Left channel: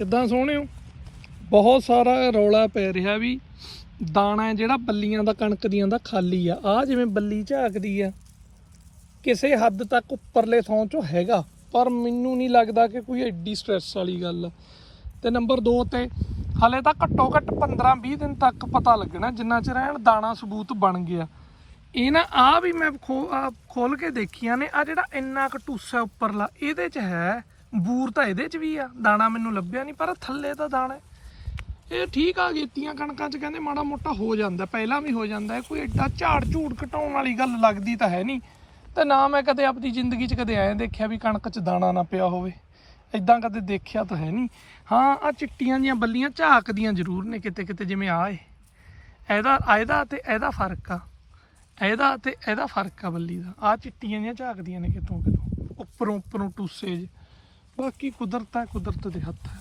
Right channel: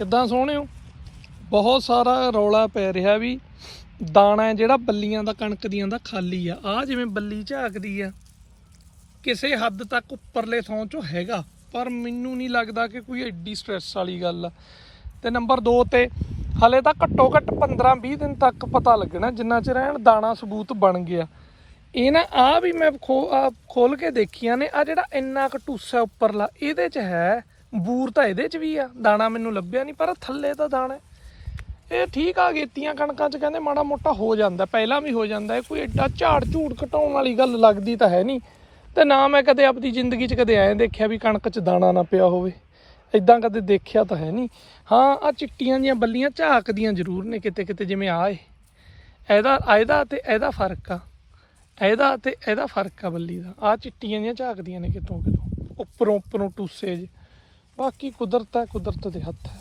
ਕਿੱਦਾਂ ਸੋਹਣਿਓ ਬਹੁਤ ਸਾਰਾ ਰੌਲਾ ਪੈ ਰਿਹਾ ਵੀ ਦਾਣਾ ਜਿਹੜਾ ਬੱਲੀਆਂ ਦਾ, ਕਣਕ ਦੀਆਂ ਦਾ ਖਾਲੀ ਆ। ਆ ਜਿਵੇਂ ਬੱਲੀ ਝਾਕਦੀ ਆ, ਕਿਸੇ ਹੱਦ ਤੱਕ ਉੱਪਰਲੇ ਥਾਂ ਚੋਂ ਹੈਗਾ, ਪਰ ਮੈਨੂੰ ਨਹੀਂ ਲੱਗਦਾ ਕਿ ਕੋਈ ਐਡੀ ਸਟ੍ਰੈਸ ਵਾਲੀ ਗੱਲ ਆ। ਤੇ ਨੰਬਰ 2 ਤੇ ਹਲੇ ਤਾਂ ਘੱਟੋ ਘੱਟ 15 20 ਦਿਨ ਤੱਕ ਪਤਾ ਲੱਗਣਾ ਜਿੰਨਾ ਚਿਰ ਐਨ ਦਾਣਾ ਸਬੂਤ ਬਣ ਗਿਆ। ਇਹ ਨਾ ਆ ਵੀ ਮੈਂ ਖੋ ਆ ਖੋਲ ਕੇ ਦੇਖੀਆਂ ਨੇ ਆ ਜਿਹੜਾ ਇੰਨਾ ਕਟੂਸਾ ਉੱਪਰਲਾ, ਇਹਦੇ ਚ ਹੈ ਬੂਰ ਤਾਂ ਇਹਦੇ ਚ ਵੀ ਆ, ਦਾਣਾ ਮੈਨੂੰ ਲੱਭਿਆ ਨਹੀਂ ਪਰ ਥੱਲੇ ਤਾਂ ਦਾਣਾ। ਇਹ ਠੀਕ ਆ, ਗੇਤੀਆਂ ਕਣਕਾਂ ਚ ਕਹਿੰਦੇ ਮਾੜਾ ਮੋਟਾ ਹੋ ਜਾਂਦਾ, ਪਹਿਲਾਂ ਵੀ ਹੋ ਜਾਂਦਾ, ਇਹ ਕੋਈ ਐਡਾ ਝਾੜ ਝੂੜ ਘਟਾਉਣ ਵਾਲੀ ਗੱਲ ਲੱਗਦੀ ਤਾਂ ਹੈ ਨਹੀਂ ਤੇ ਨਾ ਮੈਂ ਕਦੇ ਆਪਣੀ ਜ਼ਿੰਦਗੀ 'ਚ ਕਦੇ ਐਂ ਦੇਖਿਆ ਵੀ ਕਣਕ 'ਚ ਦਾਣਾ ਨਾ ਪਿਆ ਹੋਵੇ। ਇਦਾਂ ਕਦੇ ਦੇਖਿਆ ਤਾਂ ਹੈ ਨਹੀਂ ਹਾਂ ਆ ਚਿੱਟੀਆਂ ਦੀਆਂ ਬੱਲੀਆਂ ਝਾਕਦੀਆਂ ਜ਼ਰੂਰ ਨੇ ਕਿਤੇ ਕਿਤੇ, ਜਿਵੇਂ ਆਏ ਇਹਦਾ ਇਹਦਾ ਤੇ ਇਹਦਾ ਫ਼ਰਕ ਆ। ਇਹਦਾ ਤੇ ਇਹਦਾ ਫ਼ਰਕ ਆ ਬੱਲੀ ਦਾ। ਆ ਚਿੱਟੀਆਂ ਦੀਆਂ ਝਾਕਦੀਆਂ ਨੇ ਕਿਤੋਂ ਕਿਤੋਂ। ਉੱਪਰੋਂ ਉੱਪਰੋਂ ਟੂਸੇ 'ਚ ਬਾਕੀ ਕੁਦਰਤ ਹੈ ਕੁਦਰਤ ਦੇ ਹੱਥ ਹੈ।